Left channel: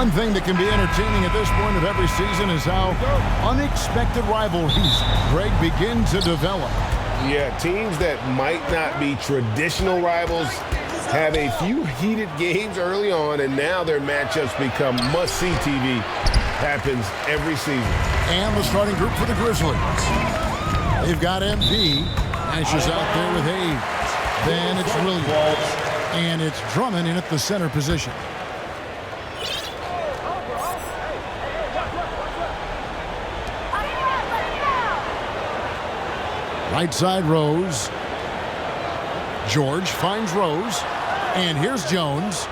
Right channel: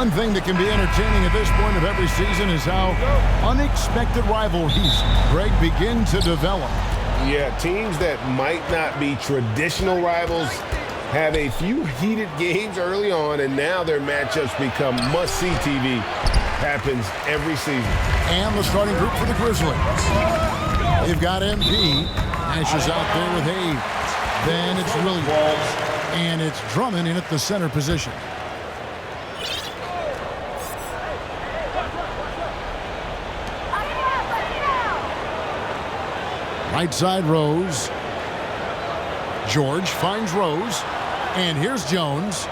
One thing that can be entertaining at this point of every season is how unexpected rivalries, Greg, begin to develop. Yeah, teams that might not be traditional rivals have a few heated games early on, and now their matchups become must-see TV. Happens every season. And the starting group for the Grizzlies. They've got MP. Nash is out there with Hayes. Then it's Williams. And it's Drummond in at the center position. Right side, Rose. George finds Rose. And here's Jones.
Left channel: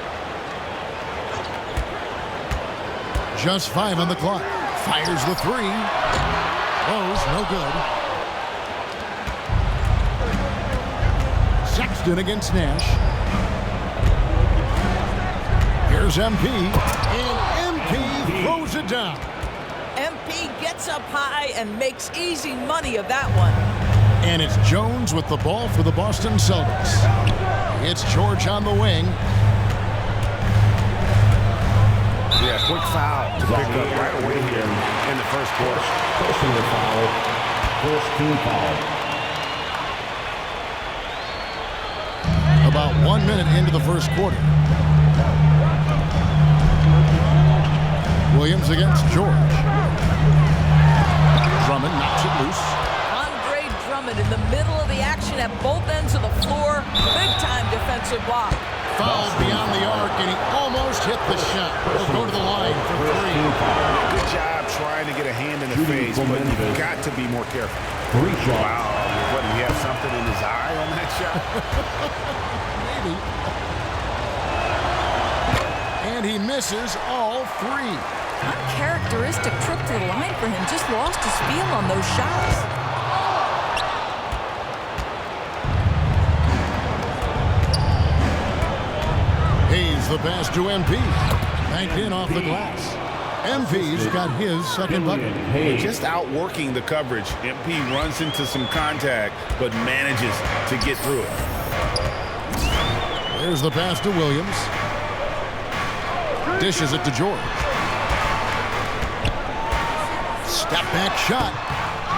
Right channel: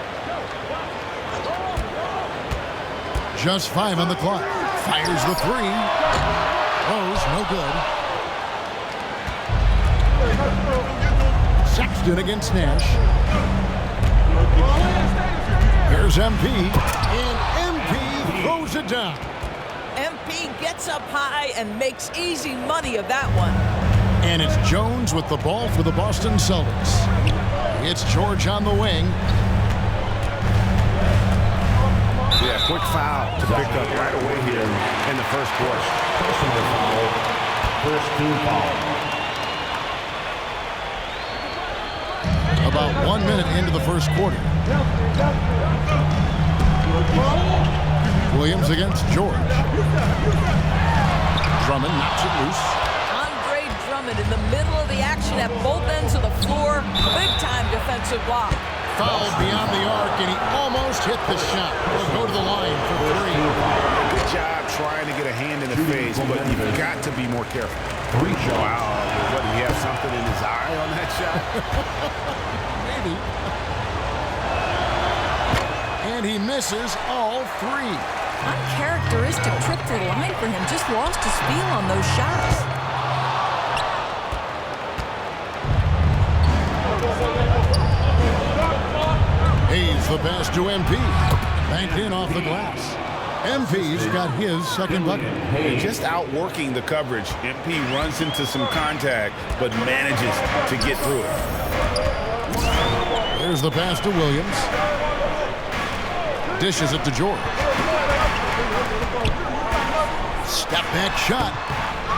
Just 5 on the clock. Fires the 3. Rose, no good. Sexton against Nash. Here's MP. And MP throws it down. MP gets up high and makes easy money of that one. And it's Jones with the ball for the Boston Celtics. It's George on the wing. Yeah, quick foul to pick up right away here in the first quarter. Personal foul. First team foul. About 1 minute into the first quarter. Williams against George. Drummond knocks it loose. Drummond in the middle of the action at both ends of the floor. Big-time defensive block. Fouled beyond the arc, and he almost hit the shot. He'll go to the line for 3. Yeah, good job trying to get a hand in the face, but you've got to be more careful. Wow, what, did he have something in his eye on that shot? Maybe. And he misses all 3. Uncharacteristic trip to the line for him. Just lost his feel on those shots. Hayes the pass to MP. Banked in off the glass. MP's got his second bucket. And just outworking the coverage. MP runs into some contact, but manages to get through it. There's the pass to Williams. Dishes it to George. Step back shot.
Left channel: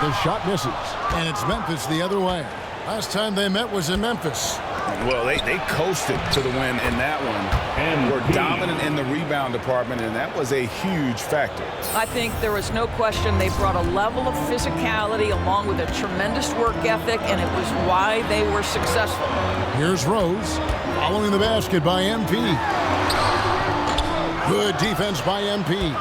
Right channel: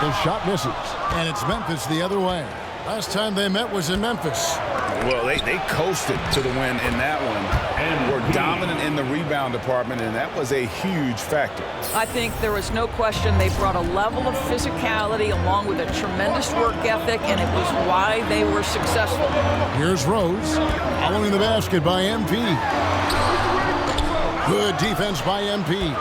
The shot misses. And it's Memphis the other way. Last time they met was in Memphis. Well, they coasted to the win in that one. Were dominant in the rebound department, and that was a huge factor. I think there was no question they brought a level of physicality along with a tremendous work ethic, and it was why they were successful. Here's Rose, following the basket by MP. Good defense by MP.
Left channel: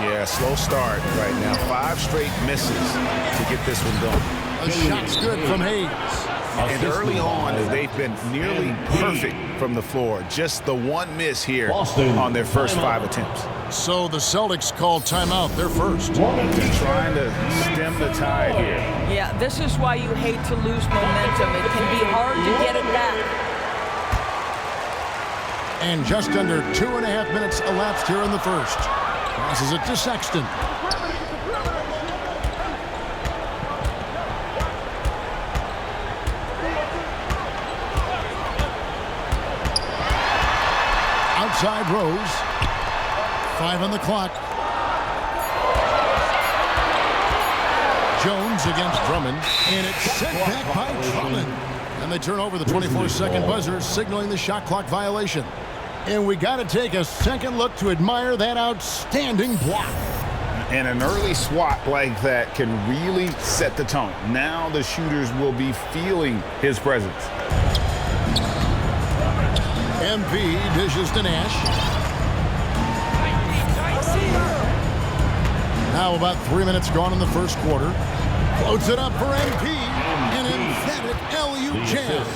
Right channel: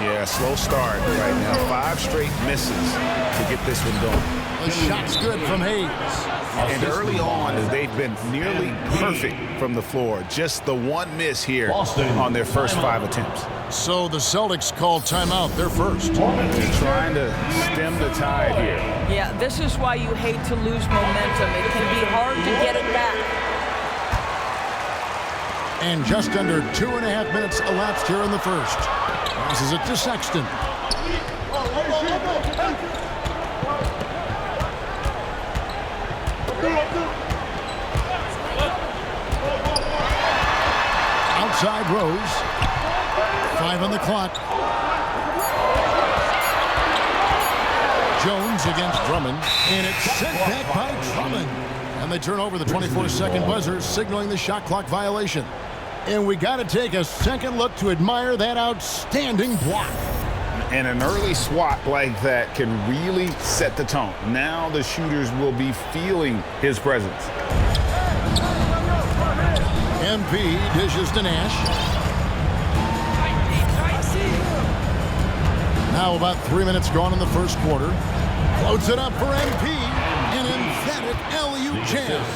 Yeah, slow start right now. 5 straight misses to get this one going. The shot's good from Hayes. And early on, they've been nearly perfect from the floor. Just the one miss here on their first 5 attempts. So the Celtics call timeout, their first. They're trying to stem the tide here. Yeah, this is why you hate to lose momentum. It can be hard to get it back. And just under 2.5 minutes elapsed here in the first. Passes it to Sexton. Outside Rose. 5 on the clock. Jones against Drummond. And it's sent back by Drummond. And they turn over the 24-second buzzer, signaling the shot clock violation. And we got to take a second look to admire that outstanding block. And an early swat like that can really set the tone. Now the shooters will be feeling his presence. MP dishes to Nash. Now about 3 minutes gone in the first quarter. Floats it up for MP. An emphatic alley-oop jam.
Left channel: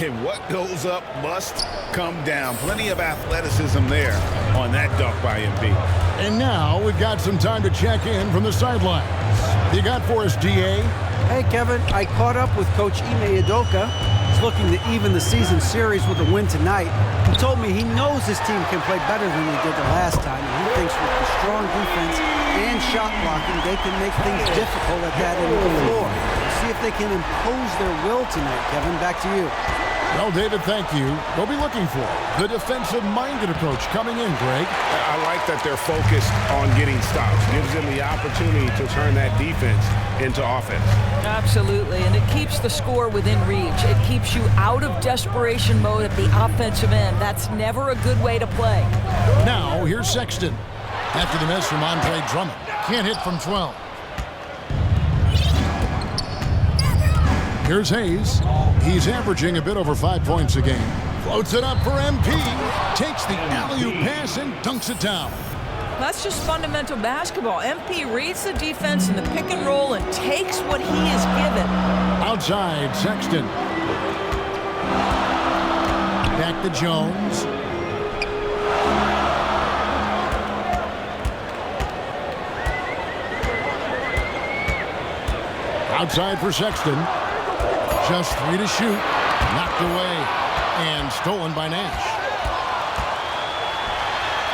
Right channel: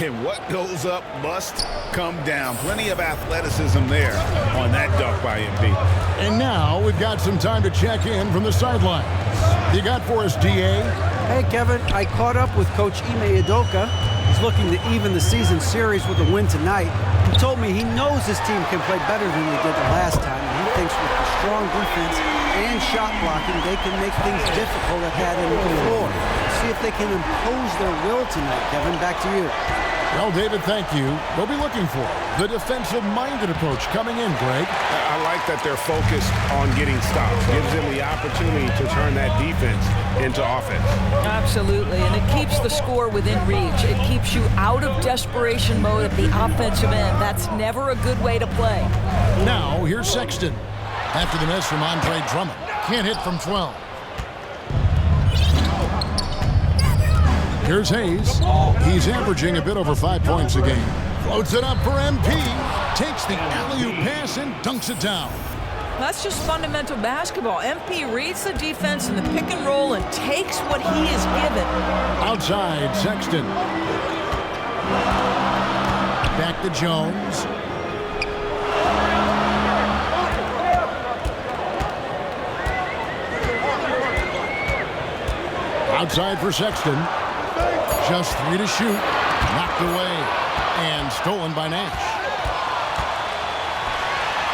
And what goes up must come down. Plenty of athleticism there on that dunk by MP. And now we've got some time to check in from the sidelines. You got for us, DA? Hey, Kevin, I caught up with Coach Ime Udoka. He's looking to even the season series with a win tonight. He told me he knows his team can play better than they did the last time, and he thinks with the strong defense and shot blocking, they can make things difficult at that end of the floor. We'll see if they can impose their will tonight, Kevin. Back to you. Well, David, thank you. We'll be looking for the defensive-minded approach coming in, Greg. I like that they're focused on getting stops. Gives them the opportunity to turn that defense into offense. Absolutely, and it keeps the score within reach. It keeps you out of desperation mode at the offensive end. That's never a good way to play. Now, here's Sexton. After the miss from Andre Drummond. Can't hit from 12. Here's Hayes. He's averaging a bit over 5 points a game. Floats it up for MP. Takes the alley-oop pass and dunks it down. That's just fundamental basketball. MP reads the defense in the pick and roll and takes what he is given. Outside, Sexton. Back to Jones. Outside for Sexton. Just 3 to shoot. Knocked away. And stolen by Nash.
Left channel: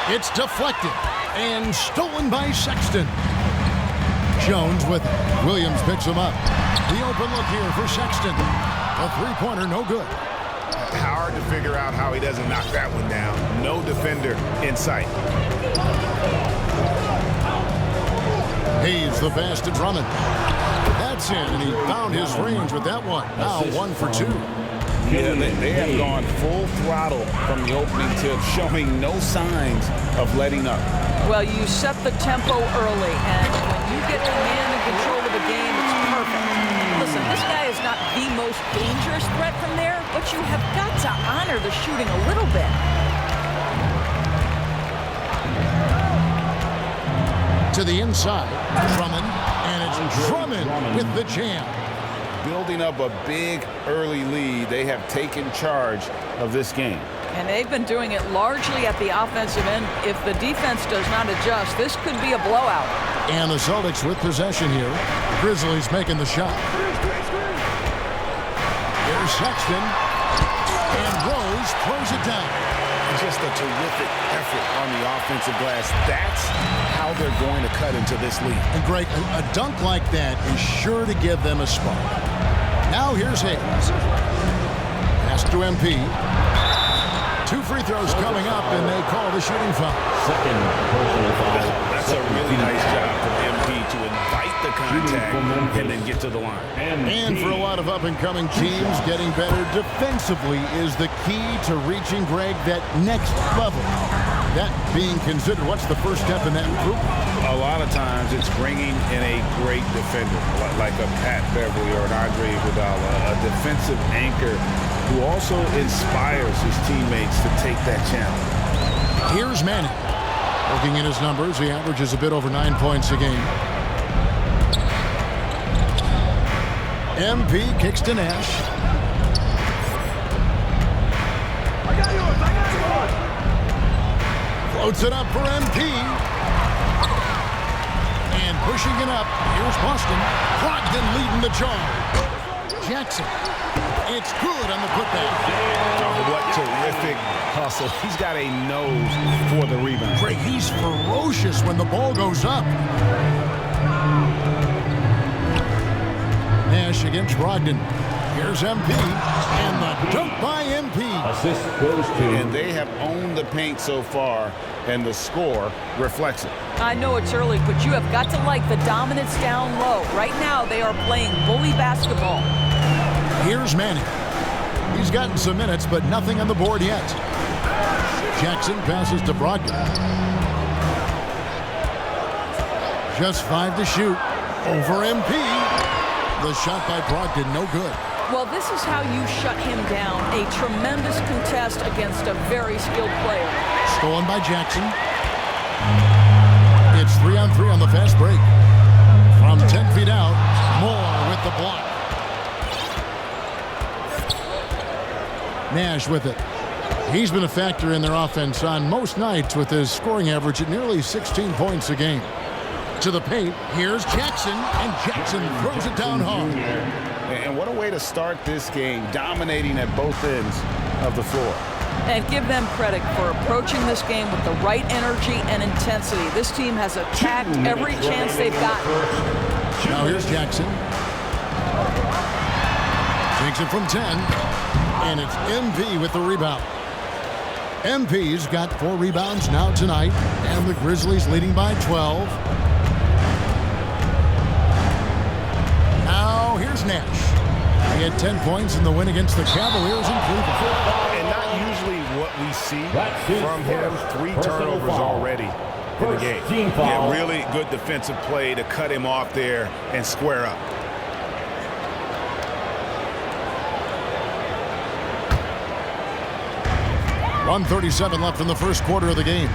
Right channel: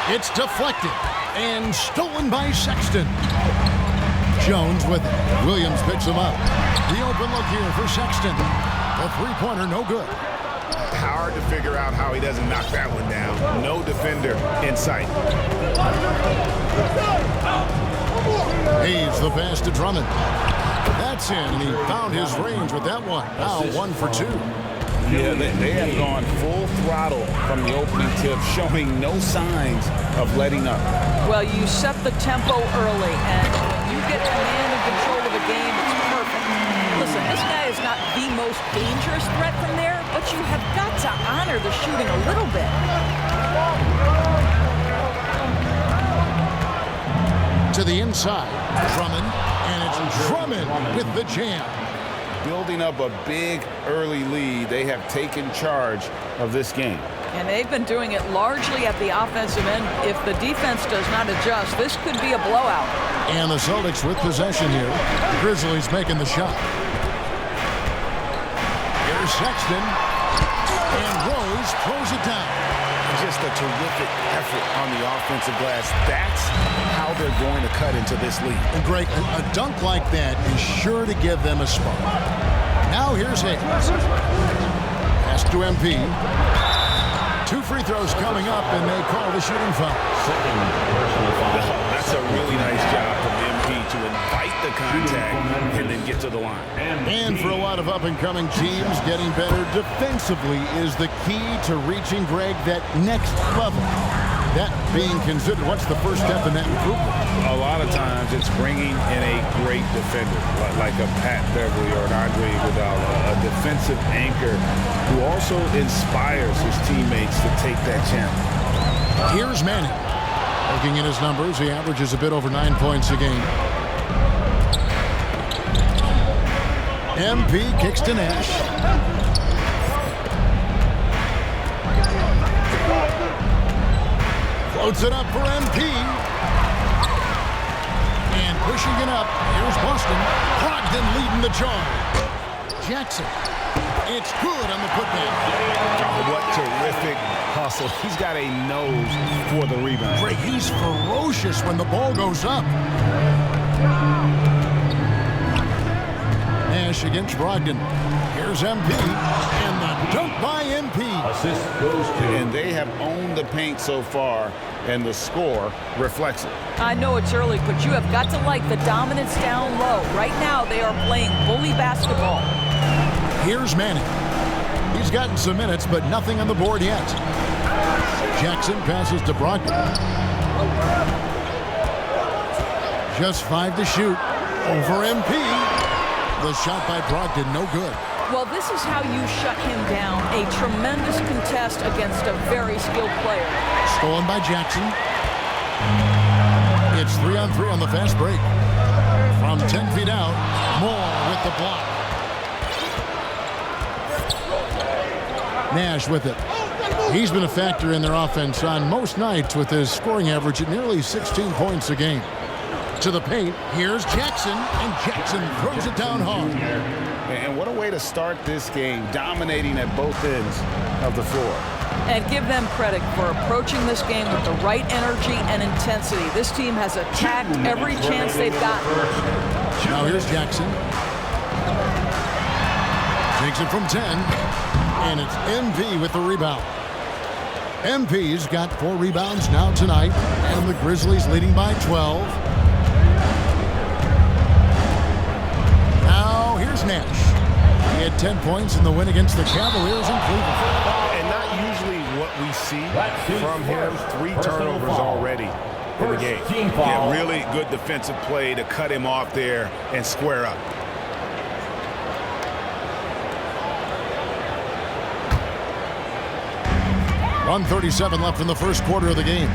It's deflected. And stolen by Sexton. Jones with it. Williams picks him up. The open look here for Sexton. The three-pointer no good. Hard to figure out how he doesn't knock that one down. No defender in sight. Hayes the pass to Drummond. That's in, and he found his range with that one. Now 1 for 2. Yeah, they have gone full throttle from the opening tip, showing no signs of letting up. Well, you set the tempo early, and when you get command and control of a game, it's perfect. Listen, this guy is not the most dangerous threat from there, but you have got to honor the shooting a little bit. To the inside, Drummond, and it's Drummond with the jam. Building up a big early lead, they have taken charge of this game. And they've been doing it largely at the offensive end. If the defense does not adjust, this could be a blowout. And the Celtics with possession here. The Grizzlies making the shot. Here's Sexton. And Rose throws it down. Just a terrific effort on the offensive glass. That's how they're going to cut into this lead. And Greg, a dunk like that is sure to give them a spark. Now here's Hayes. Pass to MP. 2 free throws coming up, and they call the shooting foul. Oh, that's a really nice job from MP to invite the contact and then get to the line. And for a lot of up-and-coming teams, getting better defensively is the key to reaching, Greg, that next level. That being considered, what's the first step in that improvement? A lot of times it's bringing in a great defender, like a Pat Beverly or an Andre Iguodala, a defensive anchor who also inspires his teammates to take that challenge. Here's Manning. Looking at his numbers, he averages a bit over 9 points a game. MP kicks to Nash. Floats it up for MP. And pushing it up, here's Boston. Brogdon leading the charge. Jackson. It's good on the putback. Oh, what terrific hustle. He's got a nose for the rebound. Greg, he's ferocious when the ball goes up. Nash against Brogdon. Here's MP, and the dunk by MP. Assist goes to. And they have owned the paint so far, and the score reflects it. I know it's early, but you have got to like the dominance down low. Right now, they are playing bully basketball. Here's Manning. He's gotten some minutes, but nothing on the board yet. Jackson passes to Brogdon. Just 5 to shoot. Over MP. The shot by Brogdon, no good. Well, this is how you shut him down. A tremendous contest against a very skilled player. Stolen by Jackson. It's 3-on-3 on the fast break. From 10 feet out, Moore with the block. Nash with it. He's been a factor in their offense on most nights with his scoring average at nearly 16 points a game. To the paint, here's Jackson, and Jackson throws it down hard. And what a way to start this game, dominating at both ends of the floor. And give them credit for approaching this game with the right energy and intensity. This team has attacked every chance they've gotten. Now here's Jackson. Takes it from 10. And it's MP with the rebound. MP's got 4 rebounds now tonight, and the Grizzlies leading by 12. Now here's Nash. He had 10 points in the win against the Cavaliers in Cleveland. And not usually what we see from him. 3 turnovers already in the game. Yeah, really good defensive play to cut him off there and square up. .137 left in the first quarter of the game.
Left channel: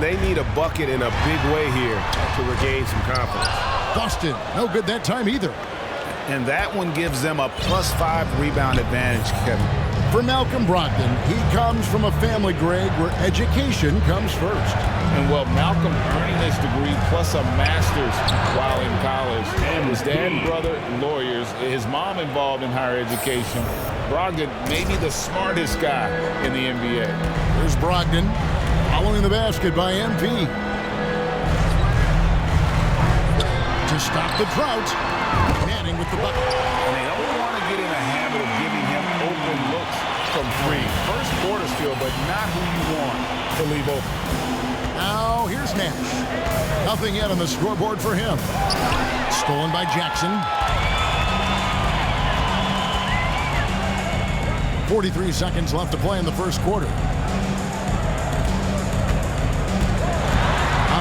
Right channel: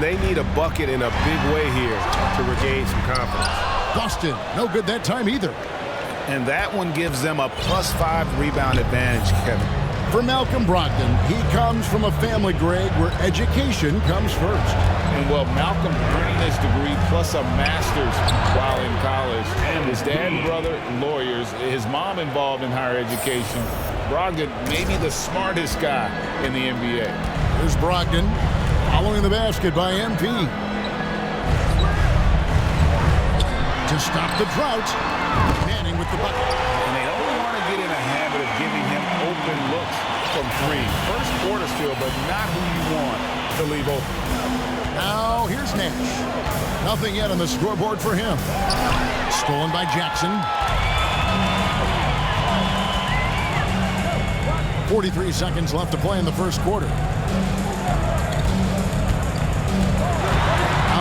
They need a bucket in a big way here to regain some confidence. Boston, no good that time either. And that one gives them a +5 rebound advantage, Kevin. For Malcolm Brogdon, he comes from a family, Greg, where education comes first. And well, Malcolm earning this degree plus a master's while in college. His dad and brother, lawyers. His mom involved in higher education. Brogdon may be the smartest guy in the NBA. Here's Brogdon following the basket by MP. To stop the drought, Manning with the bucket. And they don't want to get in a habit of giving him open looks from 3. First quarter still, but not who you want to leave open. Now here's Nash. Nothing yet on the scoreboard for him. Stolen by Jackson. 43 seconds left to play in the first quarter.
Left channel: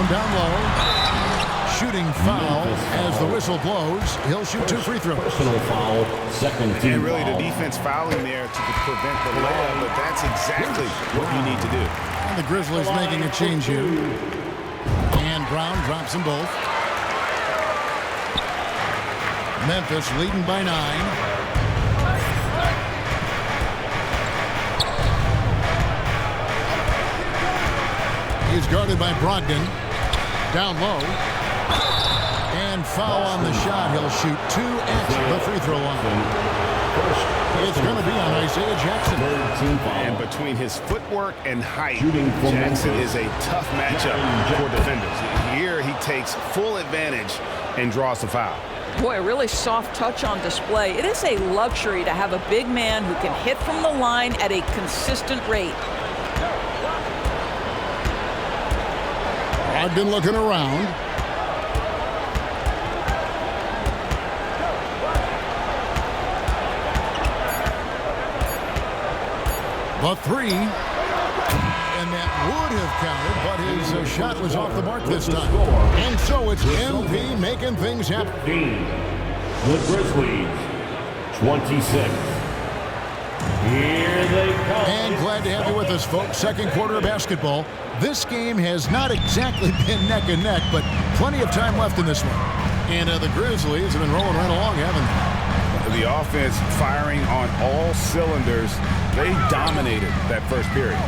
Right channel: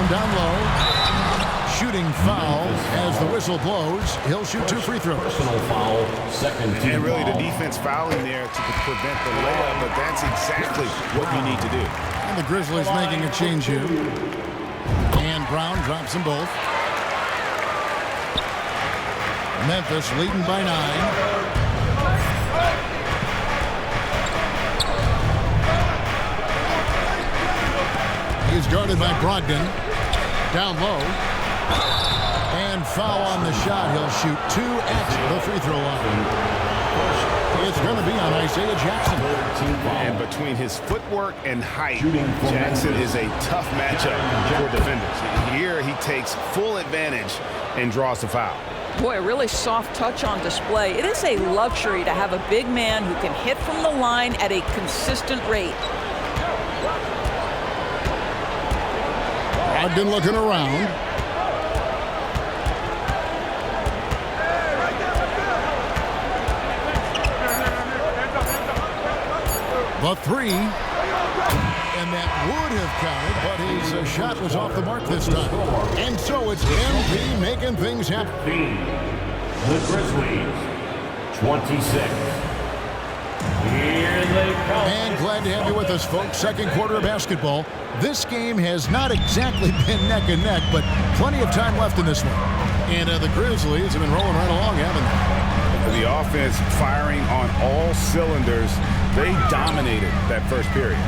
Down low. Shooting foul as the whistle blows. He'll shoot 2 free throws. Personal foul, second team And really the foul. defense fouling there to prevent the layup, but that's exactly what you need to do. And the Grizzlies making a change here. And Brown drops them both. Memphis leading by 9. He's guarded by Brogdon. Down low. And foul on the shot. He'll shoot 2 at the free throw line. It's going to be on Isaiah Jackson. And between his footwork and height, Jackson is a tough matchup for defenders. Here he takes full advantage and draws the foul. Boy, a really soft touch on display. It is a luxury to have a big man who can hit from the line at a consistent rate. Brogdon looking around. The 3. And that would have counted, but his shot was off the mark this time. And so it's MP making things happen. The Grizzlies, 26. Here they come. And glad to have you with us, folks. Second quarter of basketball. This game has not exactly been neck and neck, but plenty of time left in this one. And the Grizzlies have been rolling right along, haven't they? The offense firing on all cylinders. They dominated that first period.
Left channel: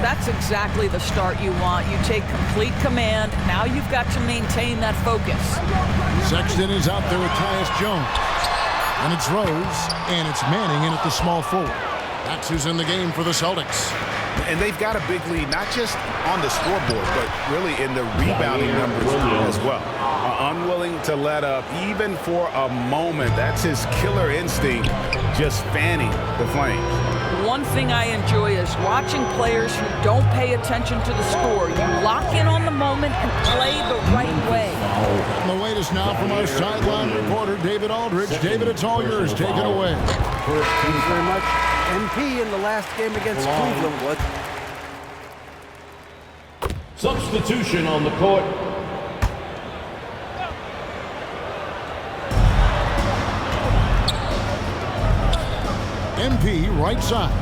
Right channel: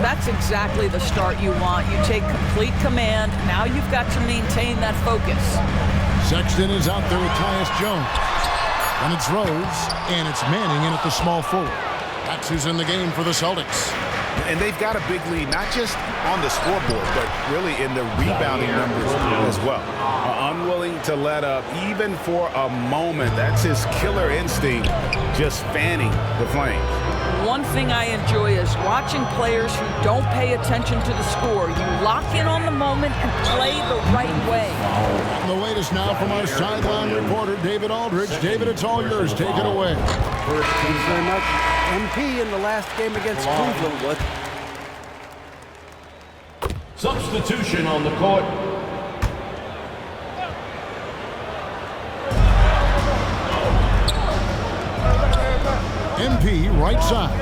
That's exactly the start you want. You take complete command. Now you've got to maintain that focus. Sexton is out there with Tyus Jones. And it's Rose, and it's Manning in at the small forward. That's who's in the game for the Celtics. And they've got a big lead, not just on the scoreboard, but really in the rebounding numbers as well. Unwilling to let up even for a moment. That's his killer instinct, just fanning the flames. One thing I enjoy is watching players who don't pay attention to the score. You lock in on the moment and play the right way. And the latest now from our sideline reporter, David Aldridge. David, it's all yours. Take it away. Thanks very much. MP in the last game against Cleveland was. Substitution on the court. MP right side.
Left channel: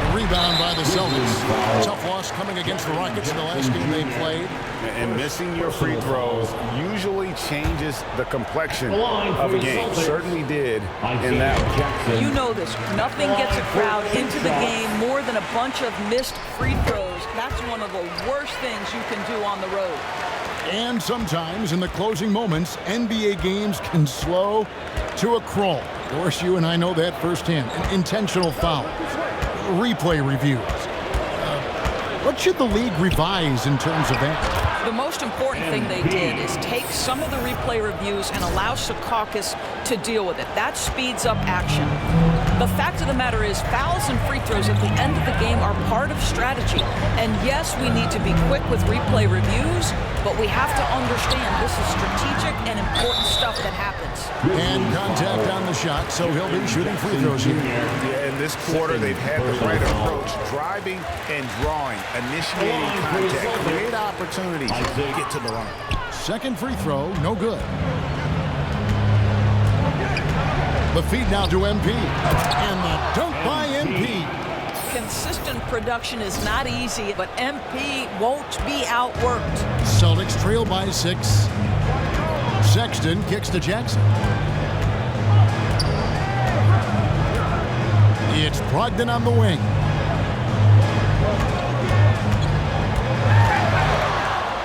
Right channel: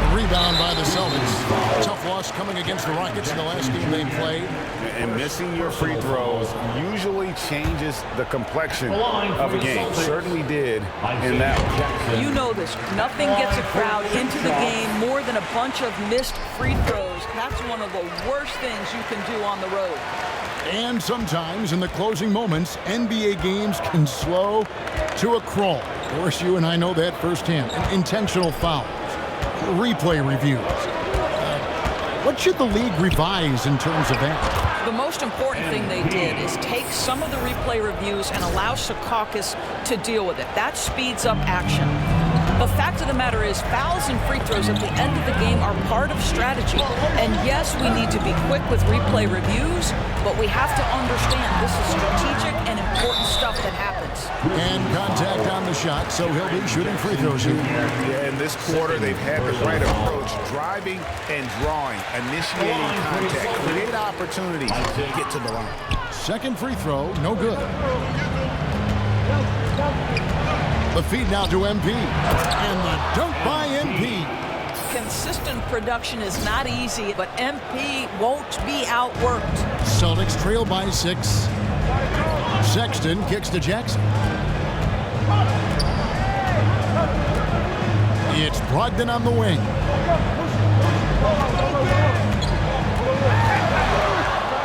The rebound by the Celtics. Tough loss coming against the Rockets in the last game they played. And missing your free throws usually changes the complexion of a game. Certainly did in that one. You know this. Nothing gets a crowd into the game more than a bunch of missed free throws. That's one of the worst things you can do on the road. And sometimes in the closing moments, NBA games can slow to a crawl. Of course, you and I know that firsthand. Intentional fouls, replay reviews. What should the league revise in terms of that? The most important thing they did is take some of the replay reviews and allow Secaucus to deal with it. That speeds up action. The fact of the matter is fouls and free throws at the end of the game are part of strategy. And yes, we need to be quick with replay reviews, but we have to understand this is strategic and important stuff that happens. And contact on the shot, so he'll be shooting free throws here. Yeah, in this quarter, they've had the right approach, driving and drawing, initiating contact, create opportunities, get to the line. Second free throw, no good. The feed now to MP. And the dunk by MP. Consistent production is not easy, but MP won't be outworked. Celtics trail by 6. Sexton kicks to Jackson. It's Brogdon on the wing.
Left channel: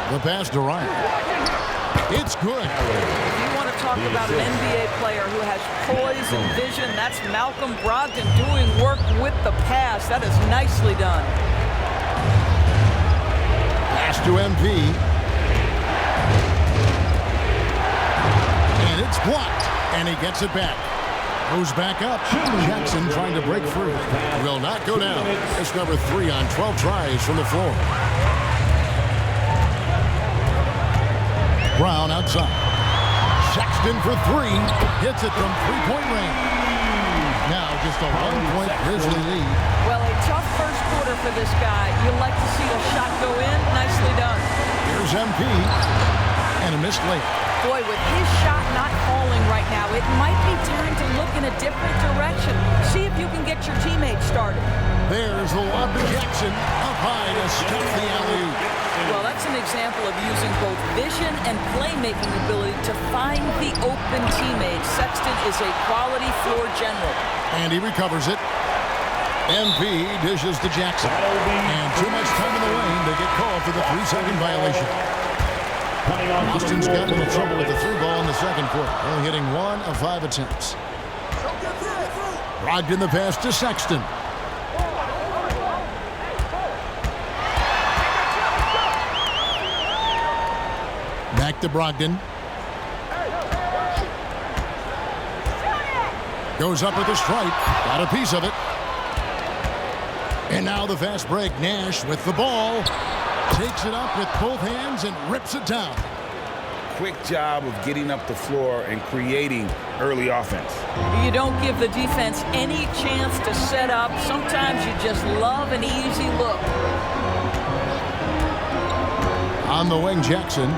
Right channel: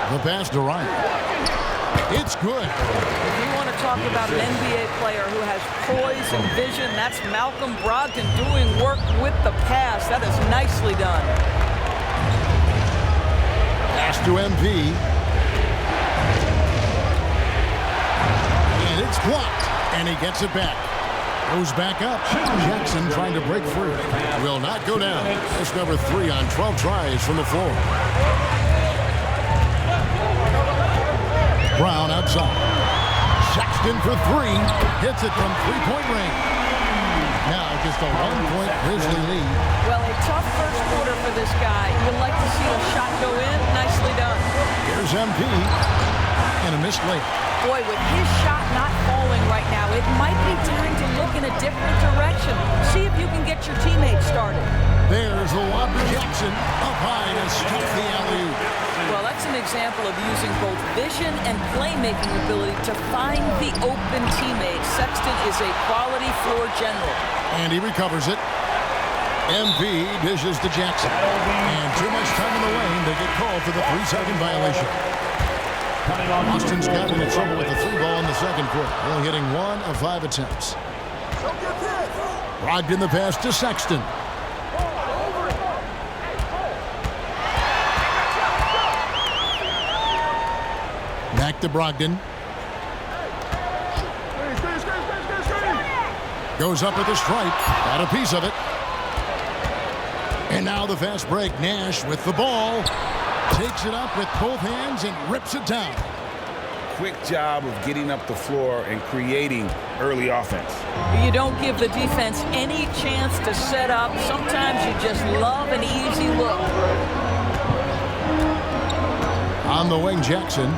The pass to Ryan. It's good. If you want to talk about an NBA player who has poise and vision, that's Malcolm Brogdon doing work with the pass. That is nicely done. Pass to MP. And it's blocked. And he gets it back. Goes back up. Jackson trying to break free. Will not go down. It's number 3 on 12 tries from the floor. Brown outside. Sexton for 3. Hits it from three-point range. Now just a 1-point Grizzly lead. Well, a tough first quarter for this guy. You like to see a shot go in. Nicely done. Here's MP. And a missed layup. Boy, with his shot not falling right now, it might be time to look in a different direction. See if you can get your teammates started. There's the lob to Jackson. Up high to stuff the alley-oop. Well, that's an example of using both vision and playmaking ability to find the open teammates. Sexton is a quality floor general. And he recovers it. MP dishes to Jackson. And too much time in the lane. They get called for the 3-second violation. Austin's gotten into trouble with the 3 ball in the second quarter, only hitting 1 of 5 attempts. Brogdon the pass to Sexton. Back to Brogdon. Goes up with the stripe. Got a piece of it. And now the fast break. Nash with the ball. Takes it up with both hands and rips it down. Quick job of getting up the floor and creating early offense. You don't give the defense any chance to set up. Sometimes you just love an easy look. On the wing, Jackson.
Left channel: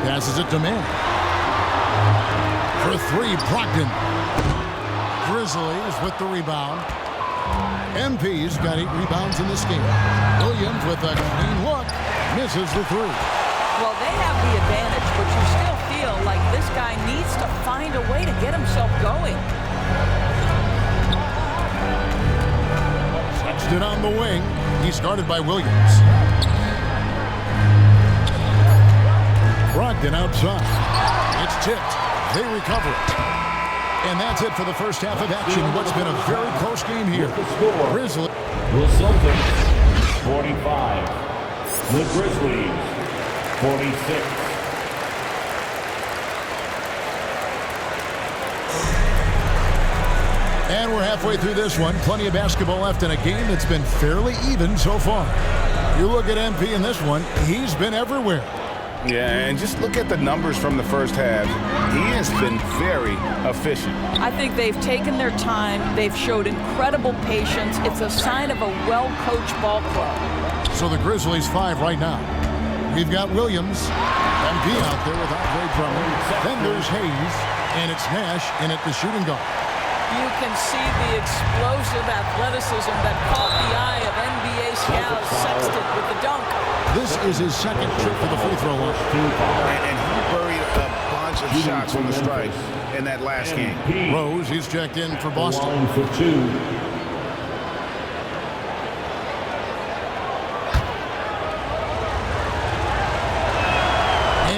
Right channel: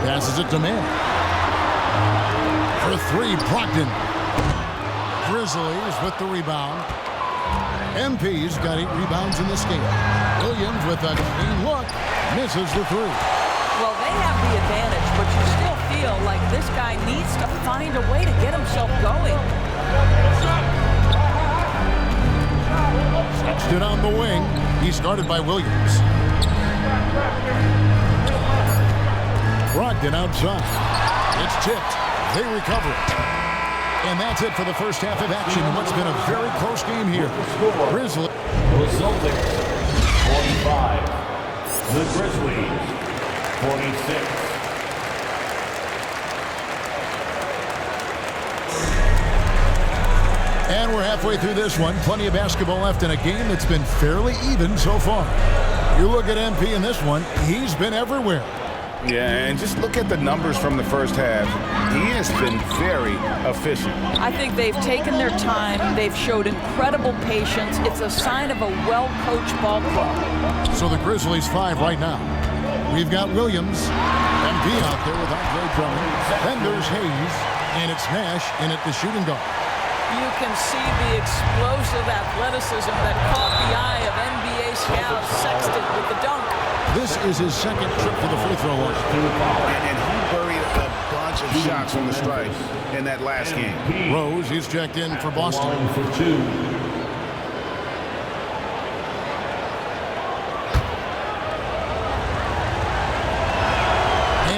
Passes it to Mann. For 3, Brogdon. Grizzlies with the rebound. MP's got 8 rebounds in this game. Williams with a clean look. Misses the 3. Well, they have the advantage, but you still feel like this guy needs to find a way to get himself going. Sexton on the wing. He's guarded by Williams. Brogdon outside. It's tipped. They recover it. And that's it for the first half of action in what's been a very close game here. Grizzlies. The Celtics, 45. The Grizzlies, 46. And we're halfway through this one. Plenty of basketball left in a game that's been fairly even so far. You look at MP in this one, he's been everywhere. Yeah, and just look at the numbers from the first half. He has been very efficient. I think they've taken their time. They've showed incredible patience. It's a sign of a well-coached ball club. So the Grizzlies 5 right now. We've got Williams, MP out there with Andre Drummond. Then there's Hayes, and it's Nash in at the shooting guard. You can see the explosive athleticism that caught the eye of NBA scouts. Sexton with the dunk. This is his second trip to the free throw line. And he buried a bunch of shots from the stripe in that last game. Rose, he's checked in for Boston. Line for 2.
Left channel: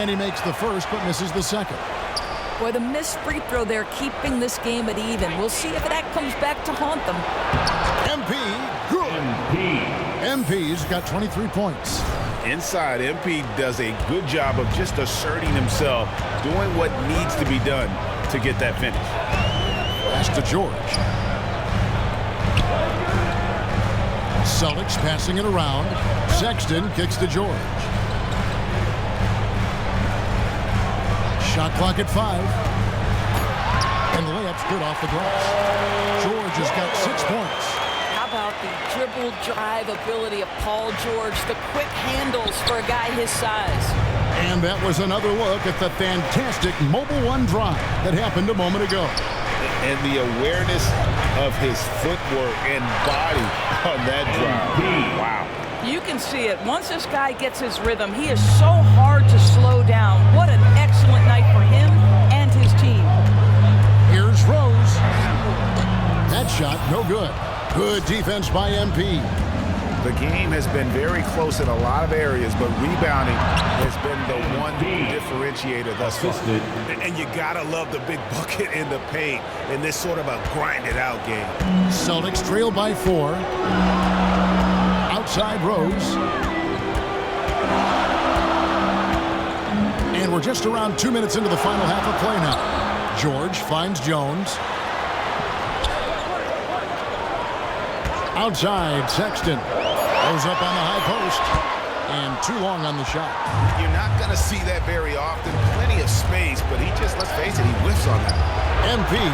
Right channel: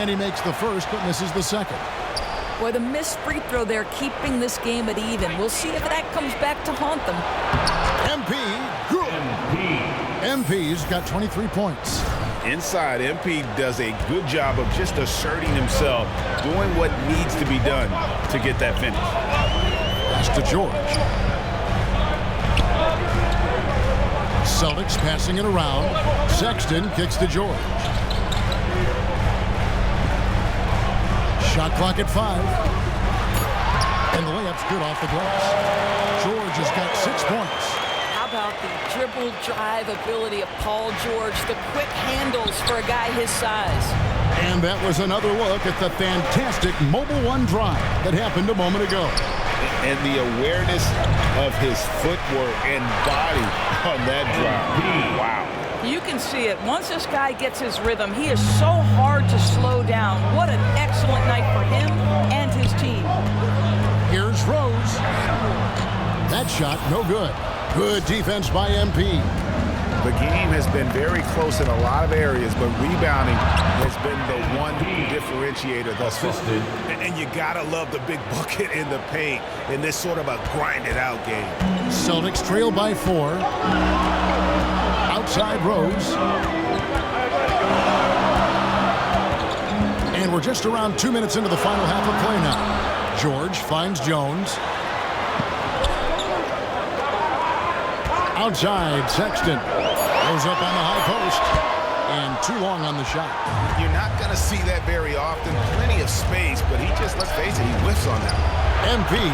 And he makes the first but misses the second. Boy, the missed free throw there keeping this game at even. We'll see if that comes back to haunt them. MP, good. MP's got 23 points. inside, MP does a good job of just asserting himself, doing what needs to be done to get that finish. Pass to George. Celtics passing it around. Sexton kicks to George. Shot clock at 5. And the layup's good off the glass. George has got 6 points. How about the dribble drive ability of Paul George, the quick handles for a guy his size. And that was another look at the fantastic mobile one drive that happened a moment ago. And the awareness of his footwork and body on that drive. Wow. You can see it. Once this guy gets his rhythm, he is so hard to slow down. What an excellent night for him and his team. Here's Rose. That shot, no good. Good defense by MP. The game has been very close in a lot of areas, but rebounding has been the one differentiator thus far. And you gotta love the big bucket in the paint in this sort of a grinded-out game. Celtics trail by 4. Outside Rose. And we're just around 2 minutes into the final half of play now. George finds Jones. Outside, Sexton goes up on the high post, and too long on the shot. You're not going to see that very often. Plenty of space, but he just, let's face it, he whiffs on that. MP,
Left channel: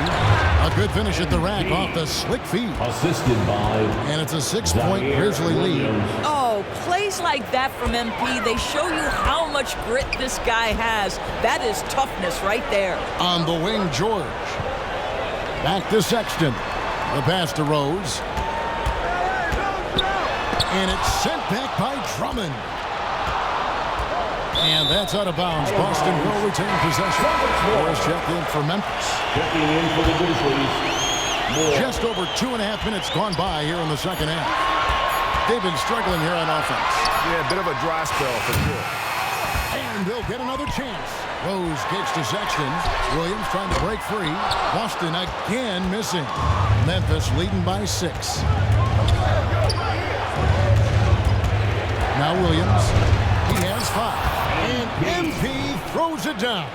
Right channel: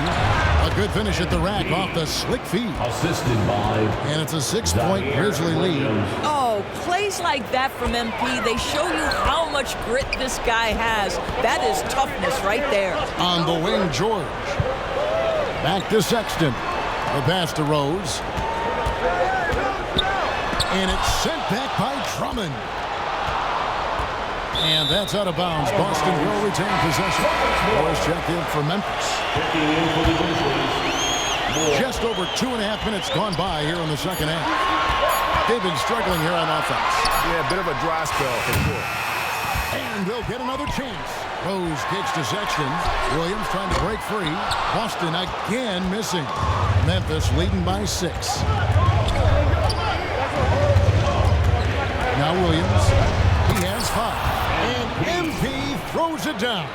a good finish at the rack off the slick feed. Assisted by. And it's a 6-point Grizzly lead. Oh, plays like that from MP, they show you how much grit this guy has. That is toughness right there. On the wing, George. Back to Sexton. The pass to Rose. And it's sent back by Drummond. And that's out of bounds. Boston will retain possession. Morris checked in for Memphis. Checking in for the Grizzlies. Just over 2.5 minutes gone by here in the second half. They've been struggling here on offense. Yeah, a bit of a dry spell for sure. And they'll get another chance. Rose kicks to Sexton. Williams trying to break free. Boston again missing. Memphis leading by 6. Now Williams, he has 5. And MP throws it down.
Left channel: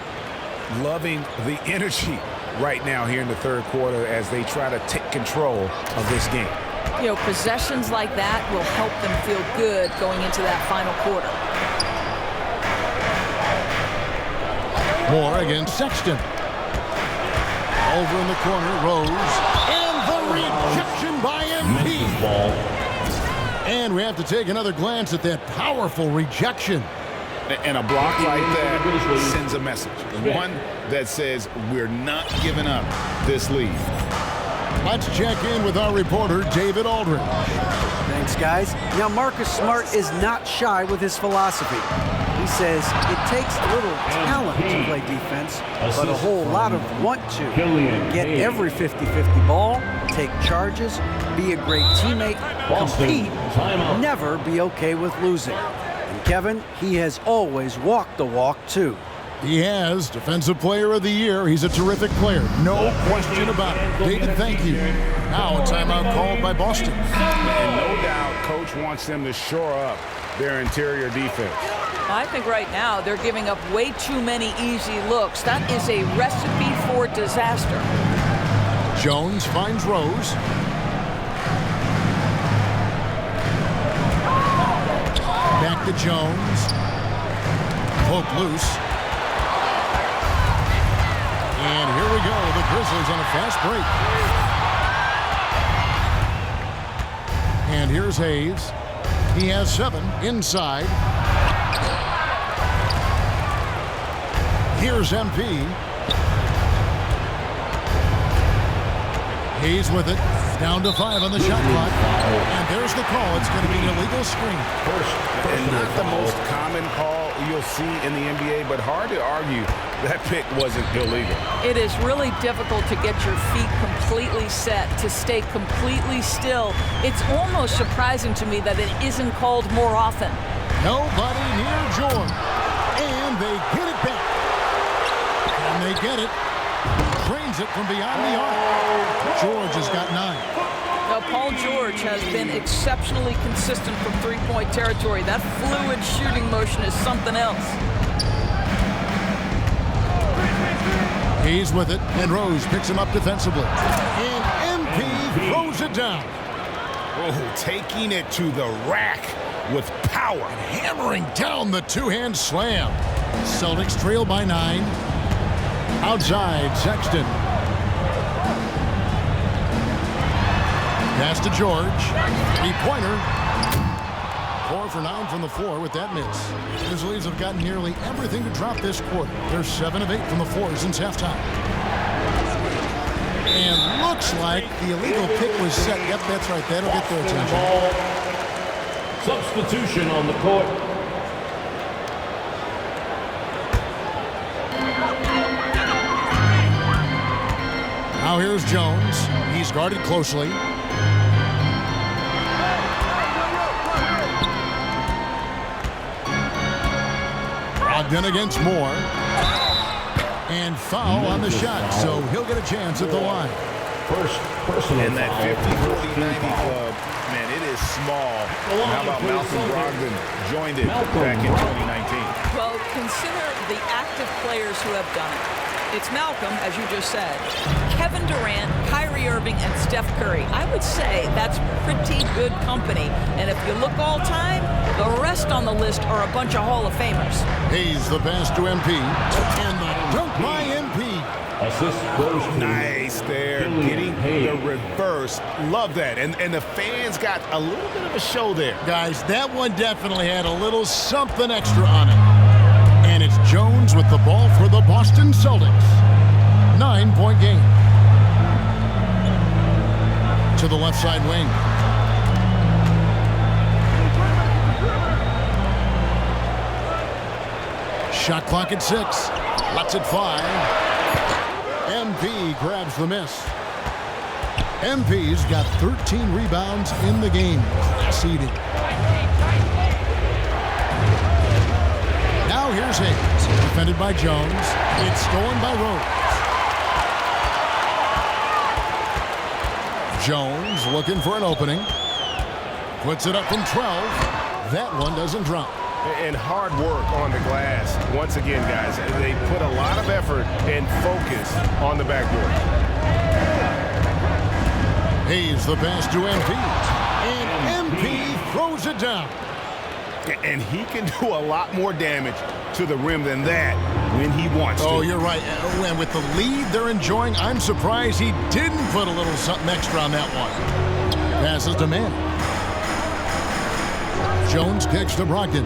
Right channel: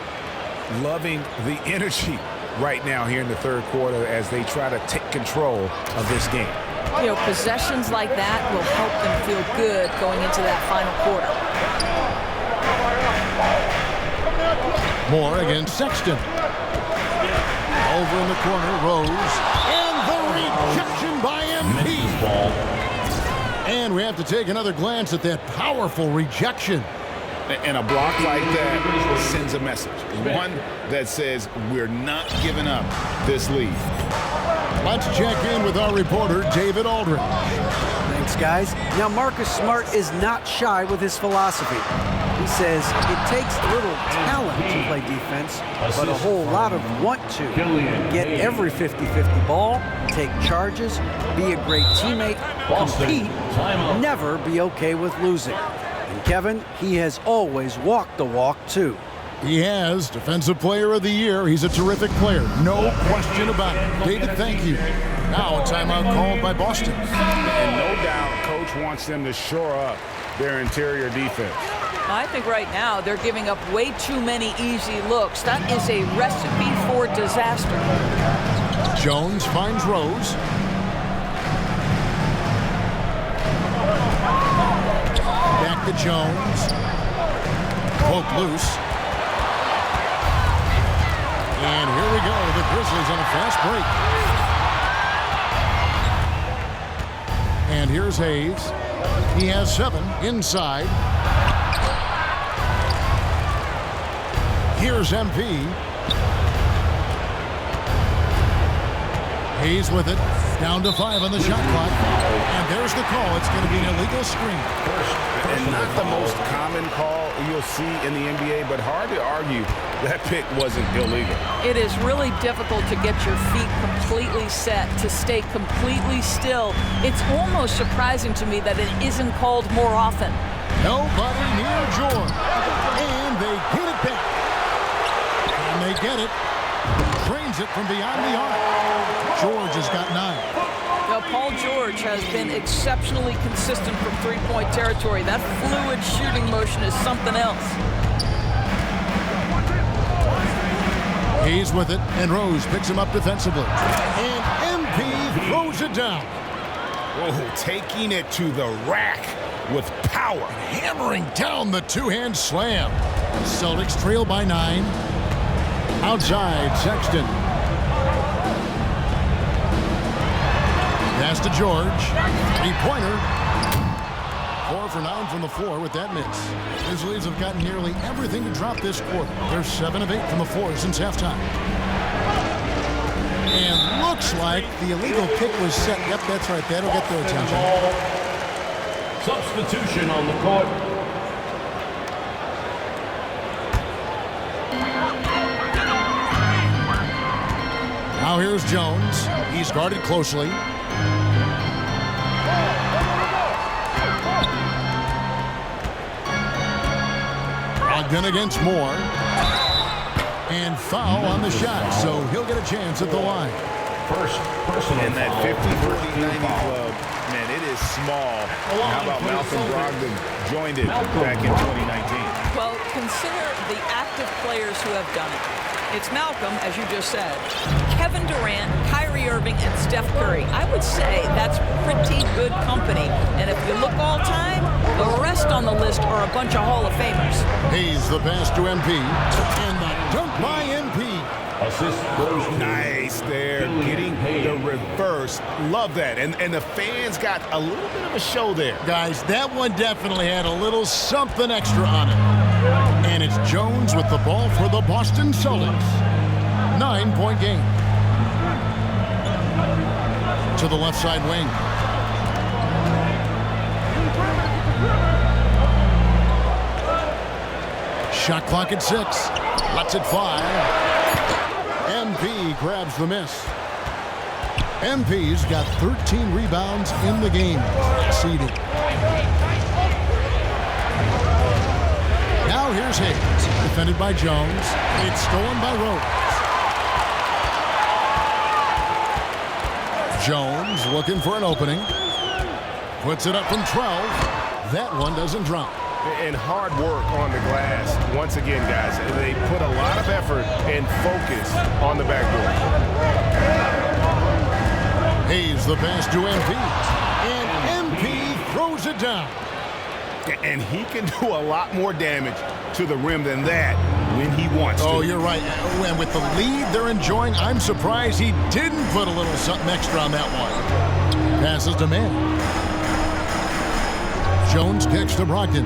Loving the energy right now here in the third quarter as they try to take control of this game. You know, possessions like that will help them feel good going into that final quarter. Moore against Sexton. Over in the corner, Rose. And the rejection by MP. And we have to take another glance at that powerful rejection. And a block like that sends a message. One that says we're not giving up this lead. Let's check in with our reporter, David Aldridge. Thanks, guys. Now, Marcus Smart is not shy with his philosophy. He says it takes little talent to play defense, but a whole lot of want to. Get every 50-50 ball, take charges, be a great teammate, compete, never be okay with losing. And Kevin, he has always walked the walk, too. He has. Defensive Player of the Year. He's a terrific player. No question about it. David, thank you. Now a timeout called by Boston. And no doubt, Coach wants them to shore up their interior defense. I think right now they're giving up way too many easy looks. That is a recipe for disaster. Jones finds Rose. Back to Jones. Poke loose. And here we go. The Grizzlies on a fast break. And here's Hayes. He has 7 inside. Here's MP. Hayes with it. Down to 5 on the shot clock. And there's the call. It's going to be an illegal screen. And not the most common call you'll see in the NBA, but hard to argue that pick wasn't illegal. It is really difficult to get your feet completely set, to stay completely still. It's almost surprising to me that it isn't called more often. Nobody near George. And they get it back. And they get it. Drains it from beyond the arc. George has got 9. Now, Paul George has been exceptionally consistent from three-point territory. That fluid shooting motion is something else. He's with it, and Rose picks him up defensively. And MP throws it down. Oh, taking it to the rack with power. Hammering down the two-hand slam. Celtics trail by 9. Outside, Sexton. Pass to George. Three-pointer. 4 for 9 from the floor with that miss. Grizzlies have gotten nearly everything to drop this quarter. They're 7 of 8 from the floor since halftime. And looks like the illegal pick was set. Yep, that's right. That'll get their attention. Substitution on the court. Now here's Jones. He's guarded closely. Brogdon against Moore. And foul on the shot, so he'll get a chance at the line. And that 50-40-90 club, man, it is small. And how about Malcolm Brogdon joined it back in 2019? Well, consider the active players who have done it. It's Malcolm, as you just said, Kevin Durant, Kyrie Irving, and Steph Curry. I would say that's pretty good company. And if you look all time, the rest on the list are a bunch of Hall of Famers. Hayes the pass to MP, and the dunk by MP. Nice there, getting the reverse. Love that. And the fans got a little bit of a show there. Guys, that one definitely had a little something extra on it. And it's Jones with the ball for the Boston Celtics. 9-point game. To the left side wing. Shot clock at 6. Lets it fly. MP grabs the miss. MP's got 13 rebounds in the game. Class eating. Now here's Hayes, defended by Jones. It's stolen by Rose. Jones looking for an opening. Puts it up from 12. That one doesn't drop. And hard work on the glass. Once again, guys, they put a lot of effort and focus on the backboard. Hayes the pass to MP. And MP throws it down. And he can do a lot more damage to the rim than that when he wants to. Oh, you're right. And with the lead they're enjoying, I'm surprised he didn't put a little something extra on that one. Passes to Manning. Jones kicks to Brogdon.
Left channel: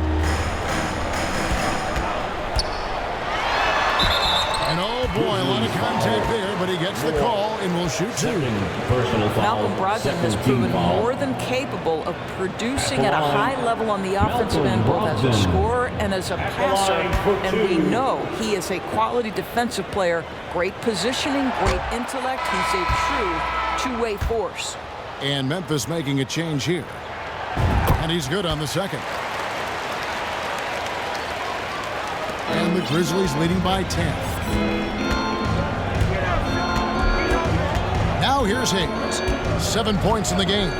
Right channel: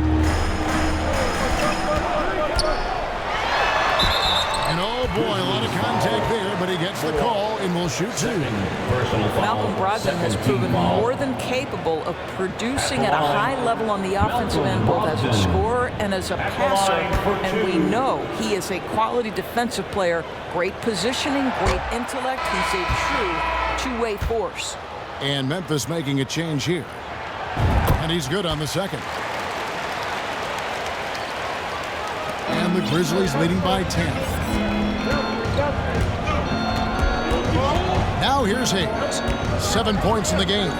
And oh boy, a lot of contact there, but he gets the call and will shoot 2. Malcolm Brogdon has proven more than capable of producing at a high level on the offensive end, both as a scorer and as a passer. And we know he is a quality defensive player. Great positioning, great intellect. He's a true two-way force. And Memphis making a change here. And he's good on the second. And the Grizzlies leading by 10. Now here's Hayes. 7 points in the game.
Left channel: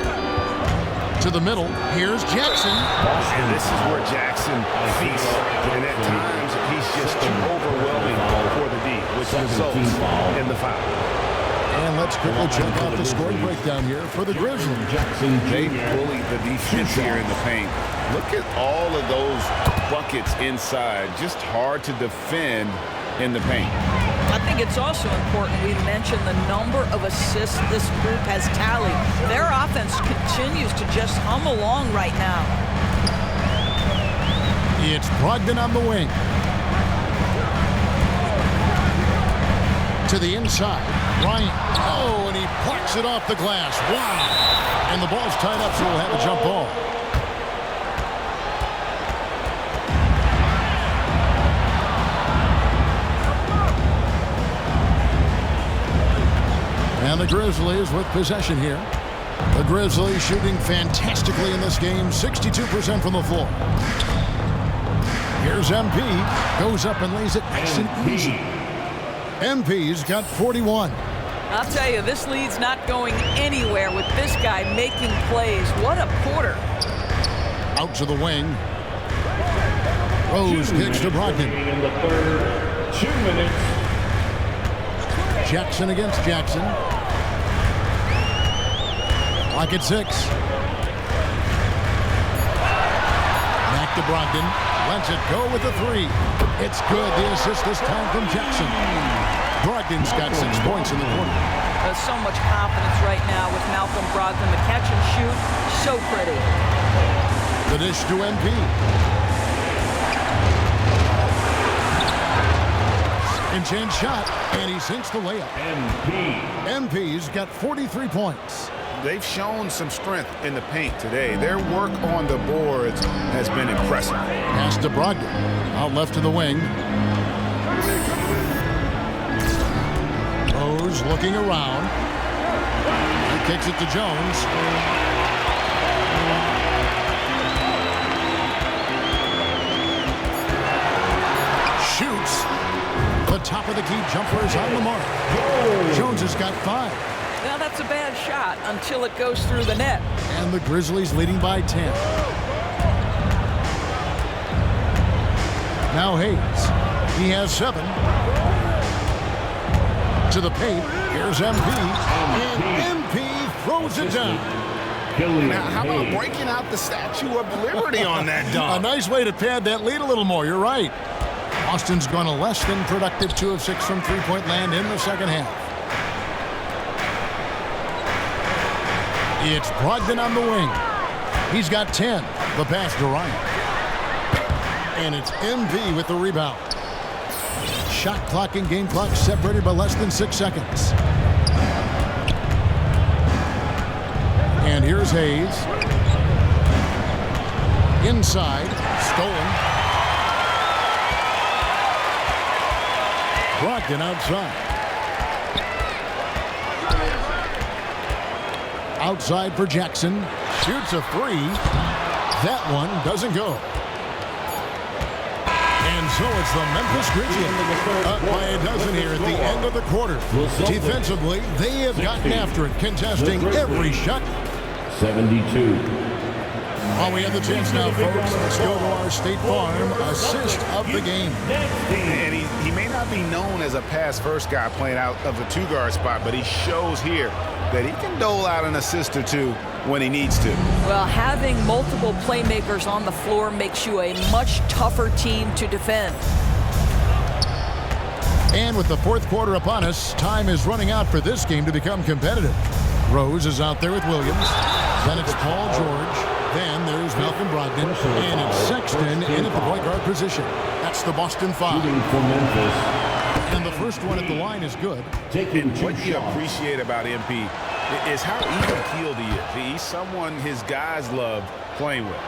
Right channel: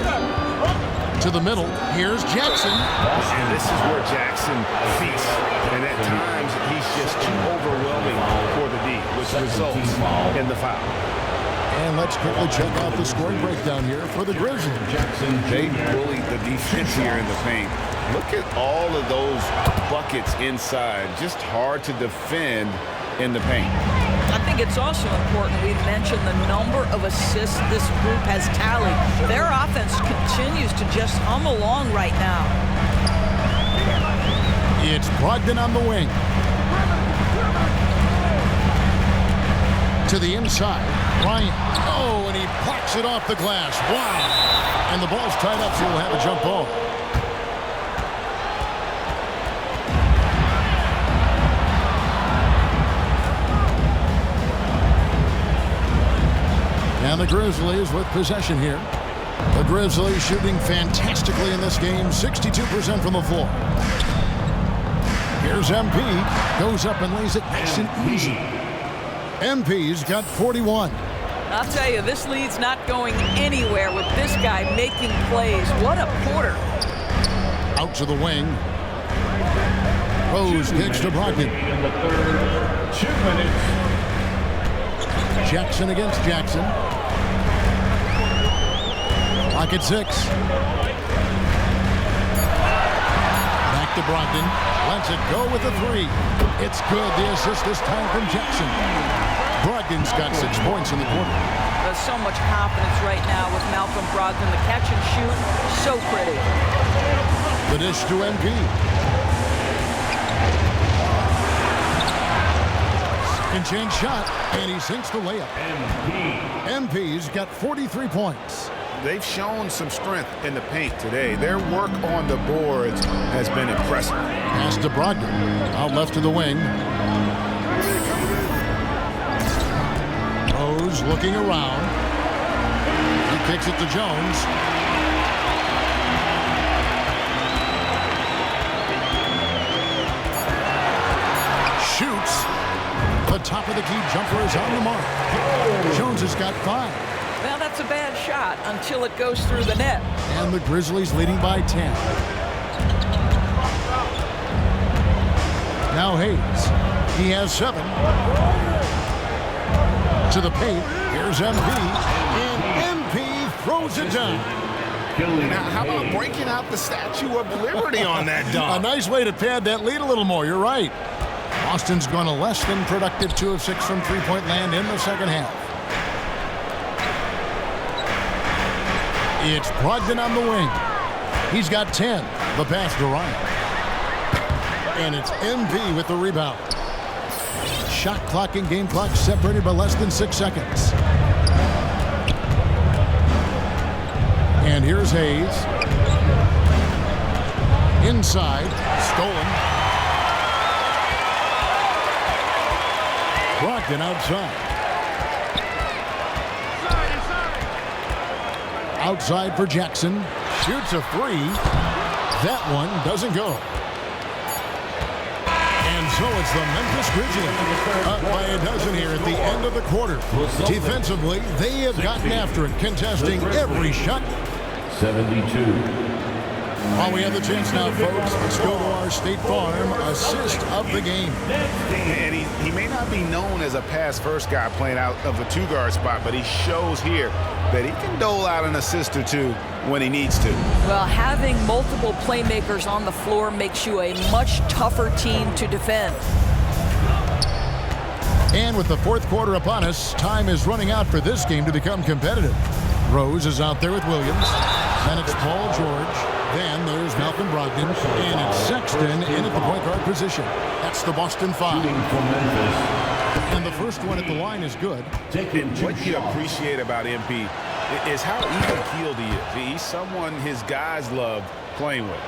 To the middle, here's Jackson. And this is where Jackson feasts. And at times, he's just too overwhelming for the D, which results in the foul. And let's quickly check out the scoring breakdown here for the Grizzlies. They bullied the defense here in the paint. Look at all of those buckets inside. Just hard to defend in the paint. I think it's also important we mention the number of assists this group has tallied. Their offense continues to just hum along right now. It's Brogdon on the wing. To the inside, Bryant. Oh, and he plucks it off the glass. Wow. And the ball's tied up, so we'll have a jump ball. And the Grizzlies with possession here. The Grizzlies shooting fantastically in this game, 62% from the floor. Here's MP, goes up and lays it nice and easy. MP's got 41. I'll tell you, this lead's not going anywhere with this guy making plays. What a quarter. Out to the wing. Rose kicks to Brogdon. In the third, 2 minutes. Jackson against Jackson. Clock at 6. Back to Brogdon. Lets it go with a 3. It's good. The assist this time from Jackson. Brogdon's got 6 points in the quarter. There's so much confidence right now with Malcolm Brogdon. The catch and shoot, so pretty. The dish to MP. Second chance shot, and he sinks the layup. MP's got 43 points. They've shown some strength in the paint today. Their work on the boards has been impressive. Pass to Brogdon. Out left to the wing. Rose looking around. He kicks it to Jones. Shoots. The top of the key jumper is on the mark. Jones has got 5. Well, that's a bad shot until it goes through the net. And the Grizzlies leading by 10. Now Hayes. He has 7. To the paint. Here's MP. And MP throws it down. And how about breaking out the Statue of Liberty on that dunk? A nice way to pad that lead a little more. You're right. Boston's gone a less than productive 2 of 6 from three-point land in the second half. It's Brogdon on the wing. He's got 10. The pass to Ryan. And it's MP with the rebound. Shot clock and game clock separated by less than 6 seconds. And here's Hayes. Inside. Stolen. Brogdon outside. Outside for Jackson. Shoots a 3. That one doesn't go. And so it's the Memphis Grizzlies up by a dozen here at the end of the quarter. Defensively, they have gotten after it, contesting every shot. 72. While we have the chance now, folks, let's go to our State Farm assist of the game. And he may not be known as a pass-first guy playing out of the 2-guard spot, but he shows here that he can dole out an assist or 2 when he needs to. Well, having multiple playmakers on the floor makes you a much tougher team to defend. And with the fourth quarter upon us, time is running out for this game to become competitive. Rose is out there with Williams. Then it's Paul George. Then there's Malcolm Brogdon. And it's Sexton in at the point guard position. That's the Boston 5. And the first one at the line is good. And what you appreciate about MP is how even-keeled he is. He's someone his guys love playing with.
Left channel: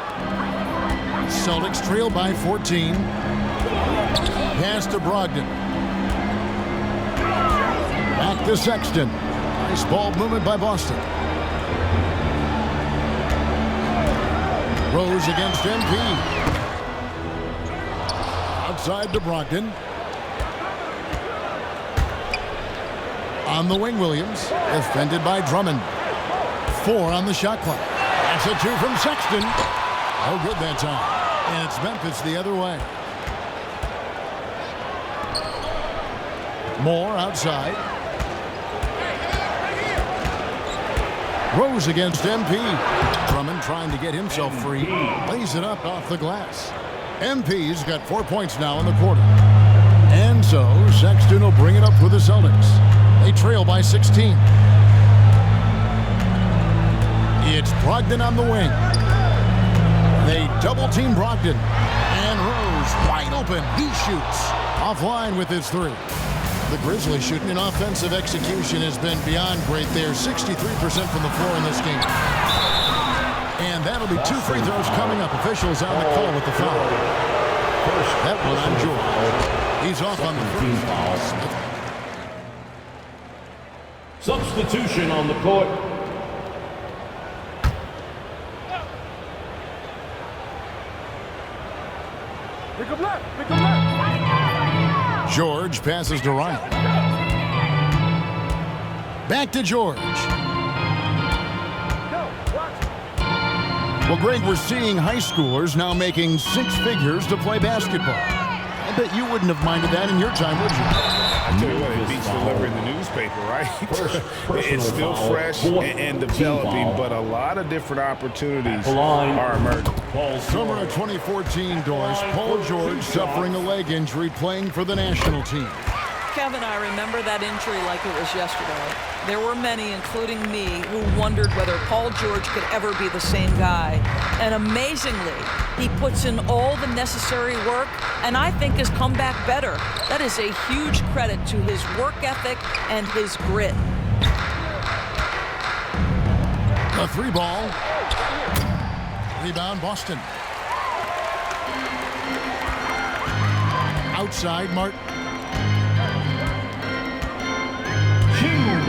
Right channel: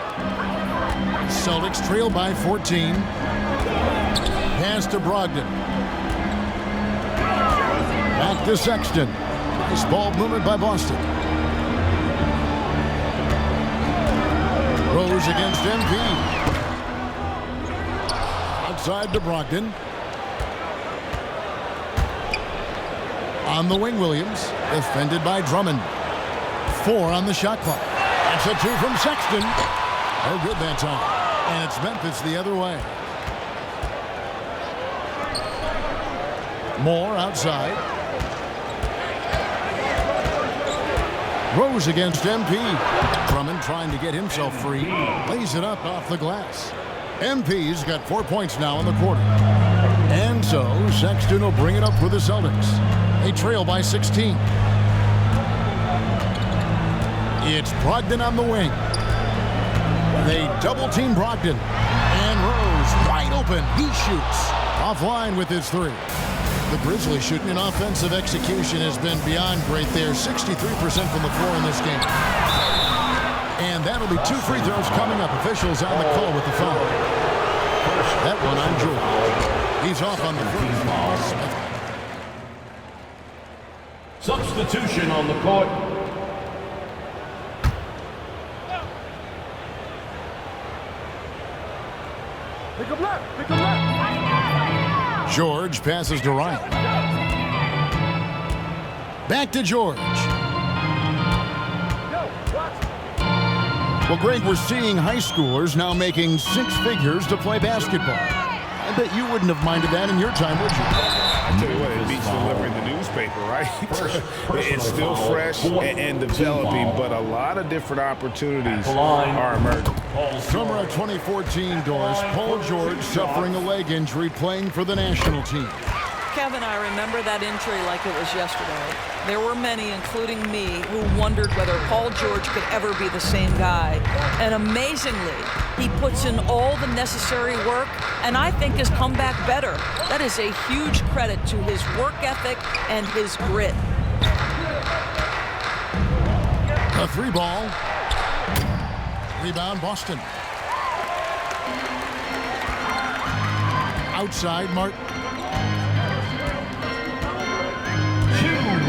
Celtics trail by 14. Pass to Brogdon. Back to Sexton. Nice ball movement by Boston. Rose against MP. Outside to Brogdon. On the wing, Williams. Defended by Drummond. 4 on the shot clock. That's a 2 from Sexton. No good that time. And it's Memphis the other way. Moore outside. Rose against MP. Drummond trying to get himself free. Lays it up off the glass. MP's got 4 points now in the quarter. And so Sexton will bring it up for the Celtics. They trail by 16. It's Brogdon on the wing. They double-team Brogdon. And Rose wide open. He shoots. Offline with his 3. The Grizzlies shooting in offensive execution has been beyond great there. 63% from the floor in this game. And that'll be 2 free throws coming up. Officials on the call with the foul. That one on George. He's off on the first. Smith. Substitution on the court. Pick up left. Pick up left. George passes to Ryan. Back to George. Yo, watch. Well, Greg, we're seeing high schoolers now making 6 figures to play basketball. I bet you wouldn't have minded that in your time, would you? I tell you what, it beats delivering the newspaper, right? It's still fresh and developing, but a lot of different opportunities are emerging. Summer of 2014, Doris, Paul George suffering a leg injury playing for the national team. Kevin, I remember that injury like it was yesterday. There were many, including me, who wondered whether Paul George could ever be the same guy. And amazingly, he puts in all the necessary work and I think has come back better. That is a huge credit to his work ethic and his grit. A 3-ball. Rebound, Boston. Outside, Martin. 2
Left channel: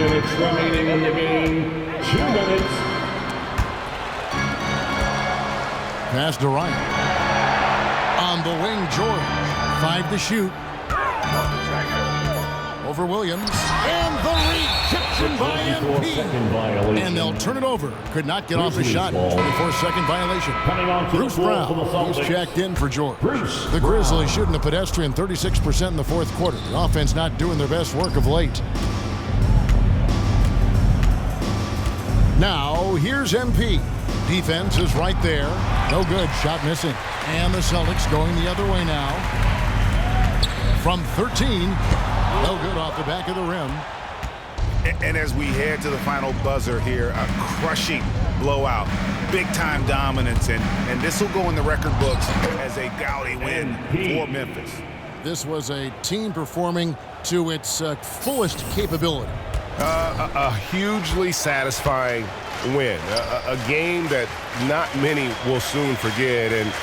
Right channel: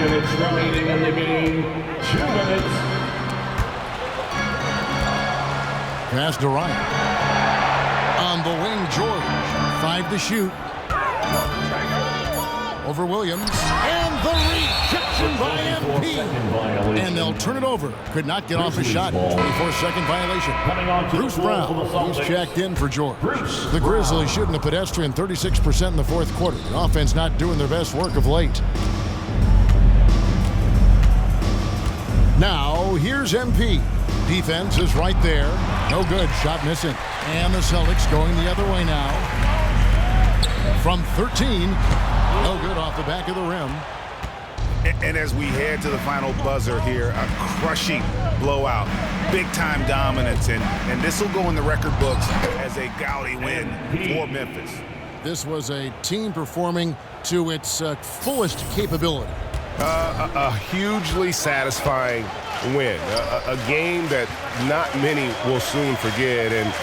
minutes remaining in the game. 2 minutes. Pass to Ryan. On the wing, George. 5 to shoot. Over Williams. And the rejection by MP. And they'll turn it over. Could not get off a shot. 24-second violation. Bruce Brown, he's checked in for George. The Grizzlies shooting a pedestrian 36% in the fourth quarter. The offense not doing their best work of late. Now, here's MP. Defense is right there. No good. Shot missing. And the Celtics going the other way now. From 13. No good off the back of the rim. And as we head to the final buzzer here, a crushing blowout. Big-time dominance, and this will go in the record books as a gaudy win for Memphis. This was a team performing to its fullest capability. A hugely satisfying win. A game that not many will soon forget. And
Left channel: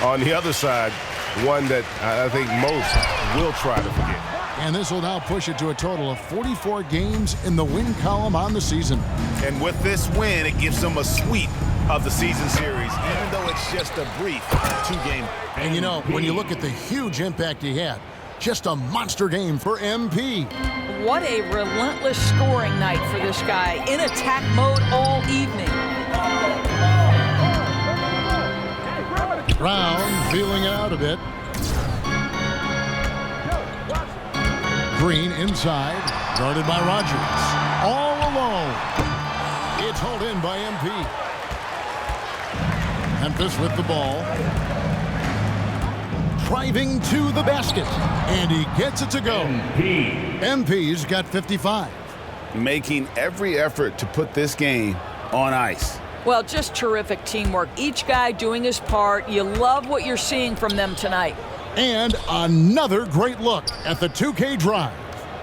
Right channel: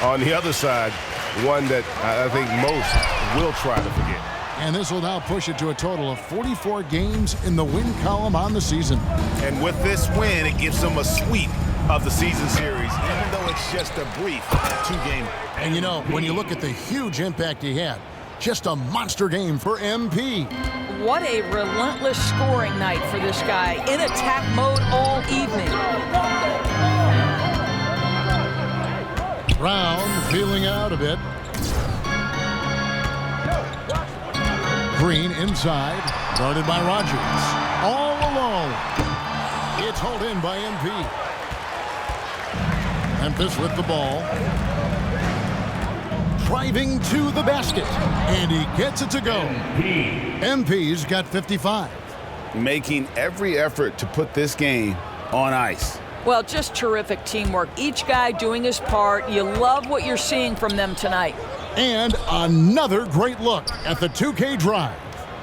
on the other side, one that I think most will try to forget. And this will now push it to a total of 44 games in the win column on the season. And with this win, it gives them a sweep of the season series, even though it's just a brief 2-game. And you know, when you look at the huge impact he had, just a monster game for MP. What a relentless scoring night for this guy. In attack mode all evening. Brown feeling it out a bit. Green inside, guarded by Rogers. All alone. It's hauled in by MP. Memphis with the ball. Driving to the basket. And he gets it to go. MP's got 55. Making every effort to put this game on ice. Well, just terrific teamwork. Each guy doing his part. You love what you're seeing from them tonight. And another great look at the 2K drive.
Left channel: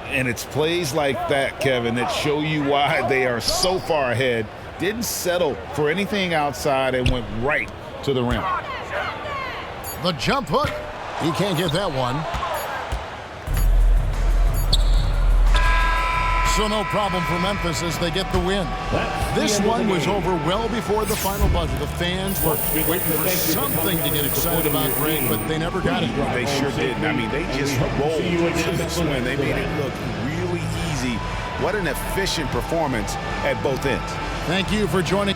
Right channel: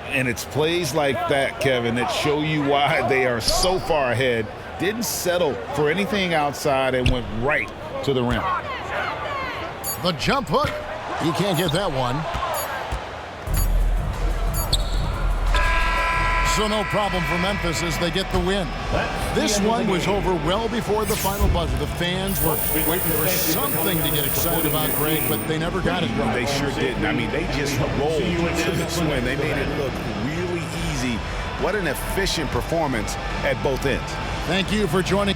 And it's plays like that, Kevin, that show you why they are so far ahead. Didn't settle for anything outside and went right to the rim. The jump hook. He can't get that one. So no problem for Memphis as they get the win. This one was over well before the final buzzer. The fans were waiting for something to get excited about, Greg, but they never got it. They sure didn't. I mean, they just rolled to this win. They made it look really easy. What an efficient performance at both ends. Thank you for joining.